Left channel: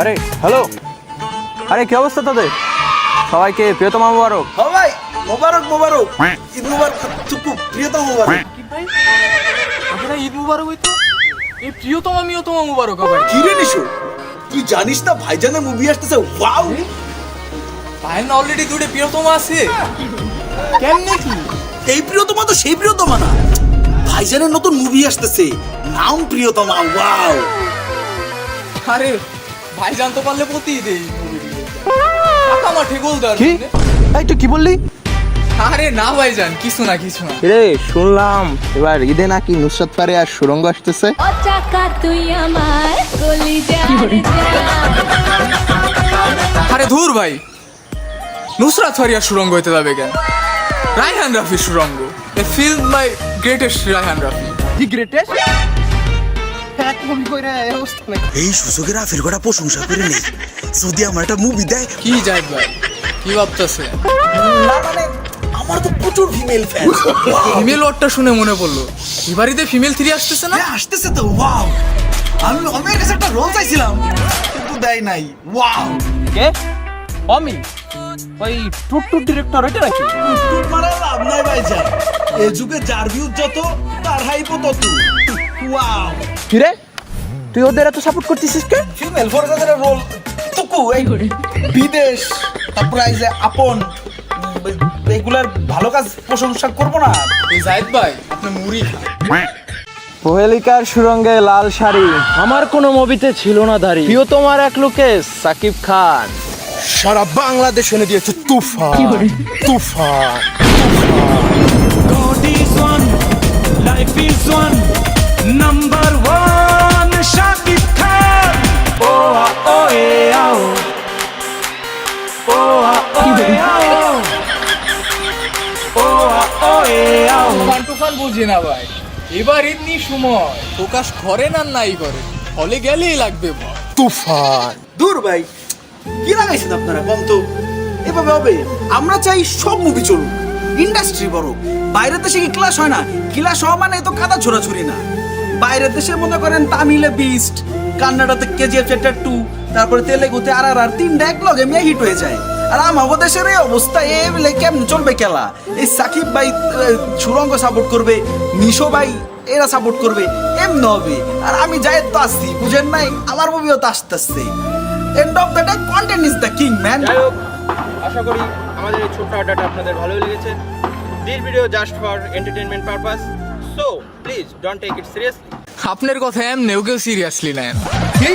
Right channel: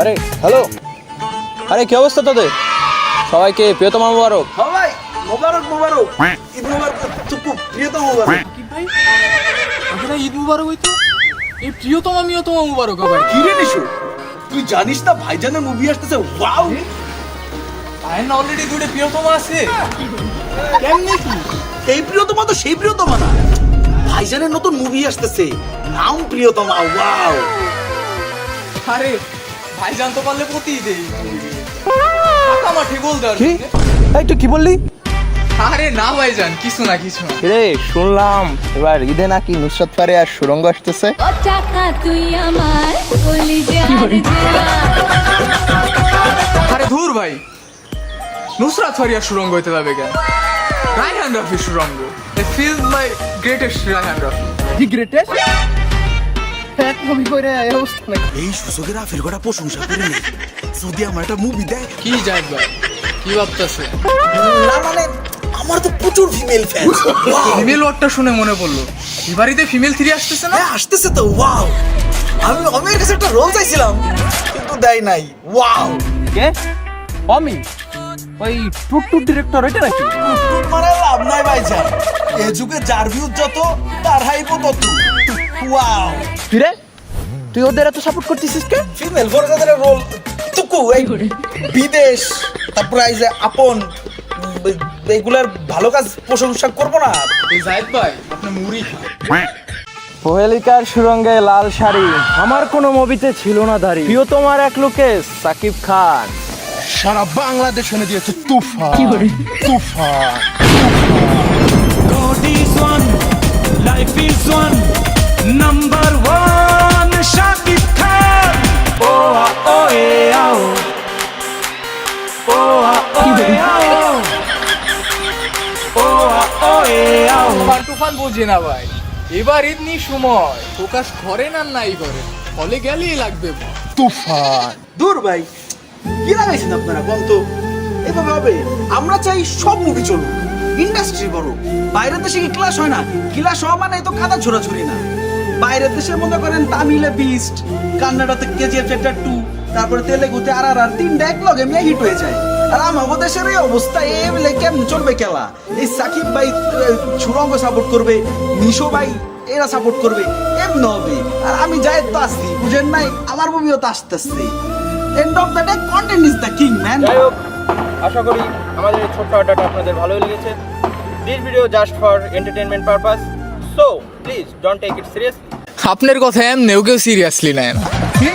আরে হ্যালো, আরে কি অবস্থা তোদের? সবাইকে প্রিয়তমা মোবারক। সবাই মোবারক মোবারক, ঈদ মোবারক। চুপু, প্রিয়তম মোবারক। কি ভাই, আপনার ঈদ মুবারক হইতো? এই প্রিয়তমা মিয়তমা মুবারক ভাই। কি রে নিশু, তুই জানিস না ভাইজানের মুভি আসতেছে? ওয়াও, আইন অলরেডি দুটো প্রিয়তমা আছে। কেমনে কি? এই প্রিয়তমা তো সেই প্রিয়তমা না, ভাইজানের নতুন মুভি আসতেছে, নাম প্রিয়তমা। ওয়াও, আরে ভাই জানতে পারলে প্রতি দেই আমার ঠিক বল দাও। কি এই তুই কি বললি? আরে না ভাইজান, কিছু না কিছু না। রে শুনলাম এবার ঈদে নাকি নুসরাত ফারিয়ার সুরঙ্গ আসতেছে। ও চাকা তুই আমার কলিজার আরে ধুর ভাই, নুসরাত ফারিয়ার সুরঙ্গ হইতে যাবে কেন? রায়হান রাফির সুরঙ্গ। A film by greatest Rayhan Rafi. কি গ্রেটেস্ট এক মুভি কইরা এই অবস্থা নাকি? এই সুযোগের আফের কটা প্রশংসা করে নেই, যদি আমার একটা মুভি দেয়। কি যায় ভাই, কি ভাবতেছে? না মানে আমার তো প্রচুর ফিমেল ফ্যান। ফিমেল ওয়ার্ডটা শুনে মনে পড়লো, এবারিতে ফিমেল 3 আসতেছে না? হ্যাঁ আসতেছে তো। ওয়াও, আমি অমের কাছে একটা রোল চাইছিলাম কিন্তু দেয় নাই। ওয়াও, কে অমি? ওই টুট ডিরেক্টর এটা নাকি? মানে লাভ নাই ভাইজান, এই যুগে যার ভিউ যত তার হাইপ তত। ওয়াও, তুই রে, তুই ওদের এত সাপোর্ট করতেছিস কে? ফিমেল ফরজাদের রোল টুকু এই বিদেশ, তারপর এই যে আপন, এগুলার ভালো কাজ প্রশংসা করবো না? এই জাহিদ ভাই, আপনি মুড়ি কোহেলিকার সুরঙ্গে লাল শাড়ি, আমার কোনো মুভিতে ছিল না দাড়ি। প্রিয়তমার এক লোকে সাকিব খান। সারা বাংলাদেশ শুনে দিয়েছে তুফান তুফান। God is one, life is one, number one, Shakib Khan. Oh, oh, yeah, oh. Oh, oh, yeah, oh. Oh, oh, yeah, oh. তুফান টুফান বুঝি না ভাই, এবার এমনি সময় প্রকাশ করেন আর নাই করে, হলে গেলেই লাগবে ভাই। তুফান দূর ভাই, কি লাগাইছেন আপনারা? কম তো এভাবে হবে? আমরা চাই সব মুভি চলুক, ইন্ডাস্ট্রি বড়। বাইরের দেশে কি ক্লাস হয় না? ক্লাস হওয়া মানে তো কাদা ছোড়াছুড়ি না। বাইরের দেশে মনে করেন তামিলে বিস্ট, কান্নাডাতে কেজিএফ চ্যাপ্টার 2, তারপরে তেলেগুতে আর 3টা এক লগে মিয়া হিট হয়ে যায়। আর আমাদের দেশের এই অবস্থা, এ বলে কেমন চলবে খেলা? এই সাকিব ভাই সুরঙ্গ সাপোর্ট করবে, নিশো ভাই এরা সাপোর্ট করবে, এমনি হবে। আর আমি যাই তো আসছি, বুঝেন নাই? আমার মুভিও তো আসতেছে। End of the day content is the king man. যাই হোক, আশা করি আমাদের এই ছোট্ট আড্ডাটা আপনাদের ভালোই লেগেছে। This video just for entertainment purpose, so please don't take it seriously. আপনার কথা এমনিও কেউ সিরিয়াসলি নেয় না। কি?